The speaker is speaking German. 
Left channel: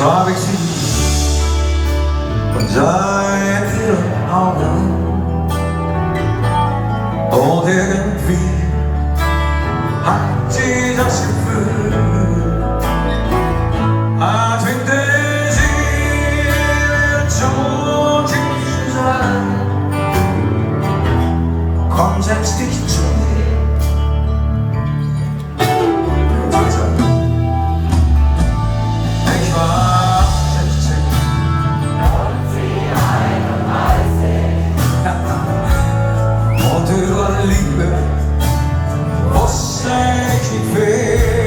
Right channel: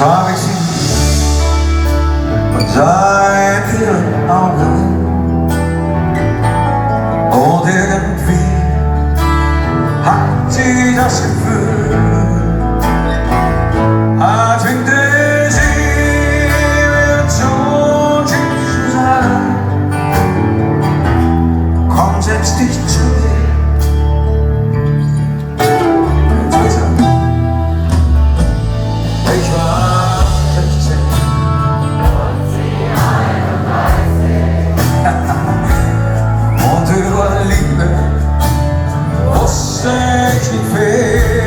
Zo heb ik zien dat zij iedere oude und irgendwie hat sie das Gefühl, als wenn sie wird schon zu sein. Komm, setz dich zu mir. Ich war 16 und über Liebe wusste ich nicht viel.